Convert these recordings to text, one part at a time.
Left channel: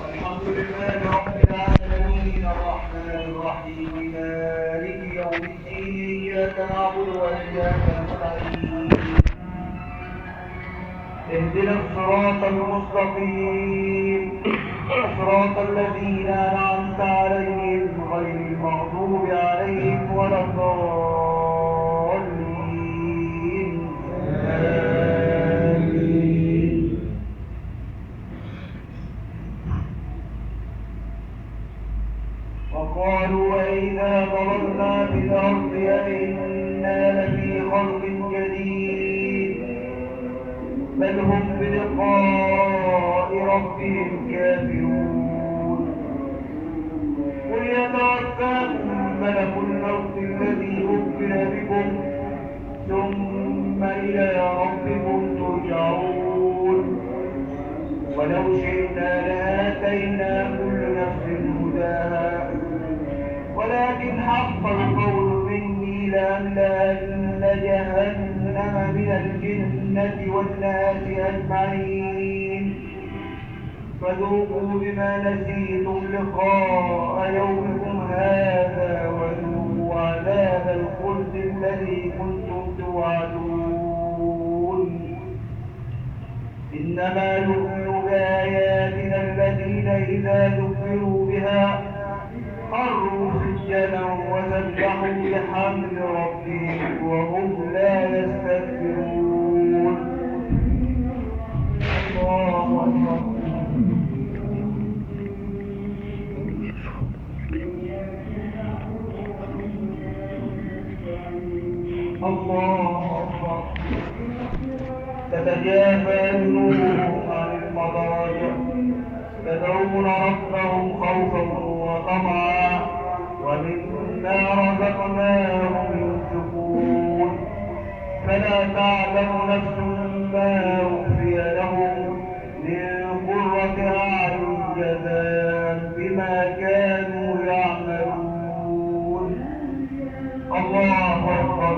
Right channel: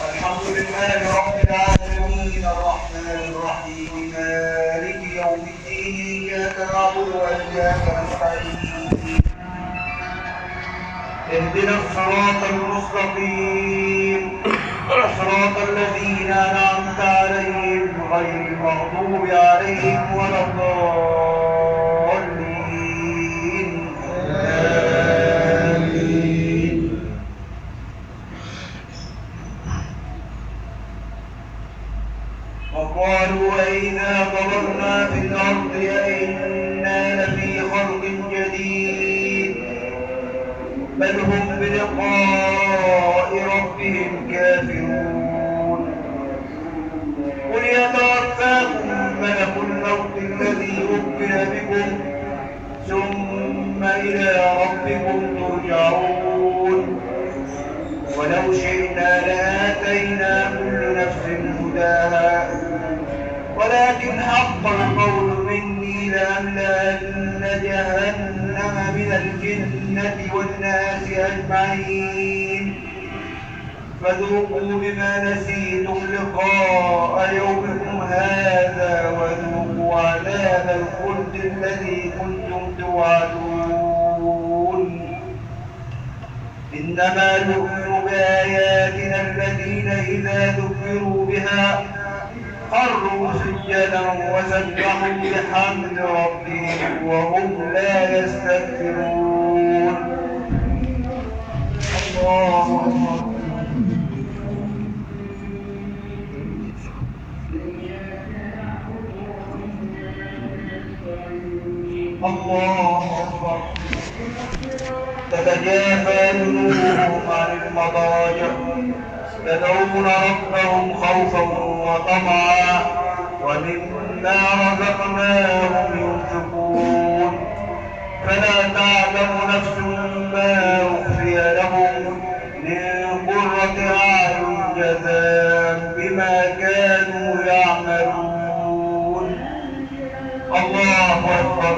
الحمد لله رب العالمين الرحمن الرحيم مالك يوم الدين إياك نعبد وإياك نستعين اهدنا الصراط المستقيم صراط الذين أنعمت عليهم غير المغضوب عليهم ولا الضالين آمين. وقالوا وإذا ضربنا في الأرض أئنا لفي خلق جديد بل هم بلقاء ربهم كافرون قل يتوفاكم ملك الموت الذي وكل بكم ثم إلى ربكم ترجعون ولو شئنا لآتينا كل نفس هداها ولكن حق القول مني لأملأن جهنم من الجنة والناس أجمعين فذوقوا بما نسيتم لقاء يومكم هذا وذوقوا عذاب الخلد الذي كنتم توعدون إنما يؤمن بآياتنا الذين إذا ذكروا بها خروا سجدا وسبحوا بحمد ربهم وهم لا يستكبرون. الله أكبر. الله أكبر. تتجافى جنوبهم عن المضاجع يدعون ربهم خوفا وطمعا ومما رزقناهم ينفقون فلا تعلم نفس ما أخفي لهم من قرة أعين جزاء بما كانوا يعملون. الله أكبر.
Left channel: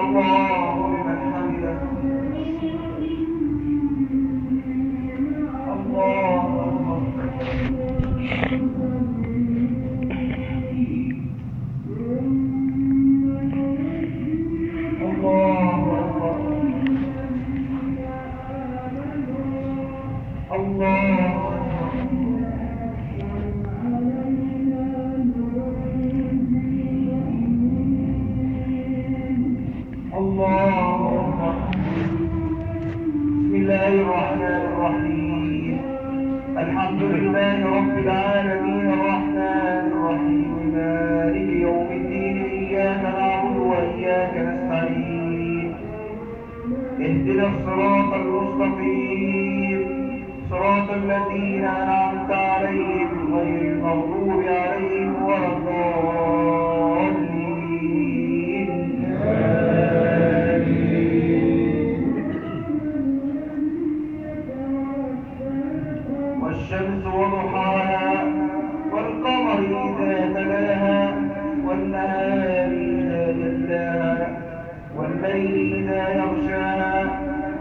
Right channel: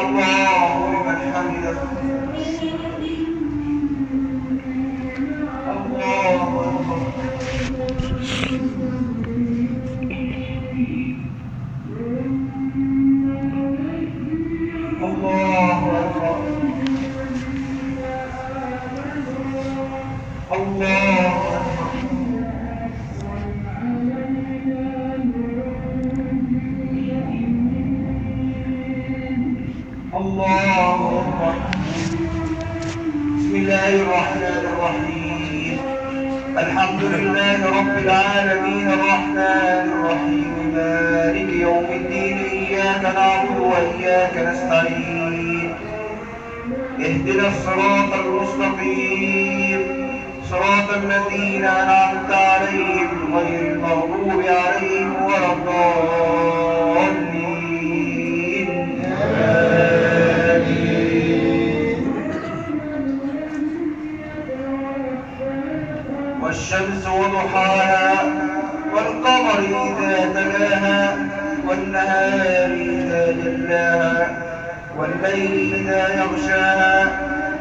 الله لمن حمده. الله أكبر. الله أكبر. الله أكبر. الله أكبر. بسم الله الرحمن الرحيم الحمد لله رب العالمين الرحمن الرحيم مالك يوم الدين إياك نعبد وإياك نستعين اهدنا الصراط المستقيم صراط الذين أنعمت عليهم غير المغضوب عليهم ولا الضالين آمين. والشمس وضحاها والقمر إذا تلاها والنهار إذا جلاها والليل إذا يغشاها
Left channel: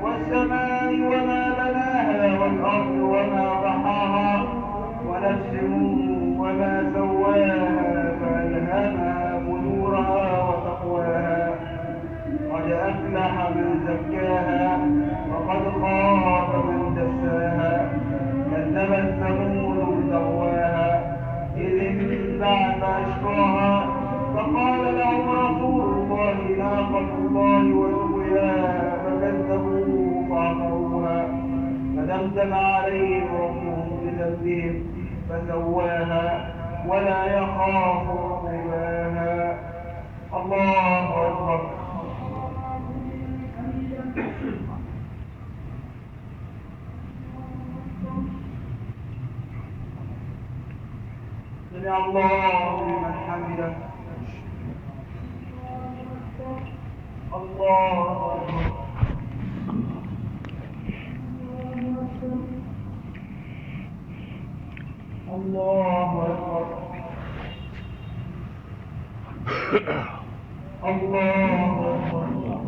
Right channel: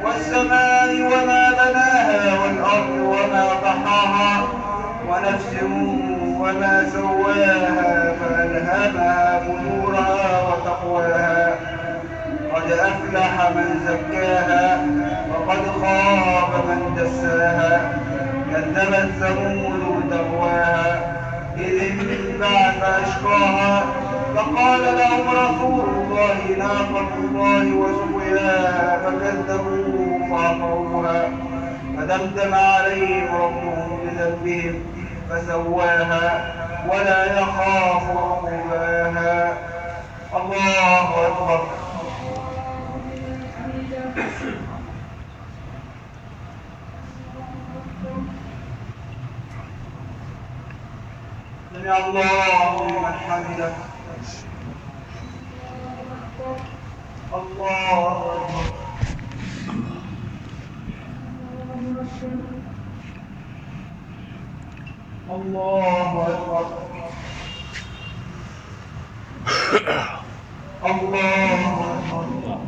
والسماء وما بناها والأرض وما طحاها ونفس وما سواها فألهمها فجورها وتقواها قد أفلح من زكاها وقد خاب من دساها كذبت ثمود بتقواها إذ انبعث أشقاها فقال لهم رسول الله ناقة الله وسقياها فكذبوه فعقروها فدمدم عليهم ربهم بذنبهم فسواها ولا يخاف عقباها. الله أكبر. سمع الله لمن حمده. الله أكبر. الله أكبر. الله أكبر.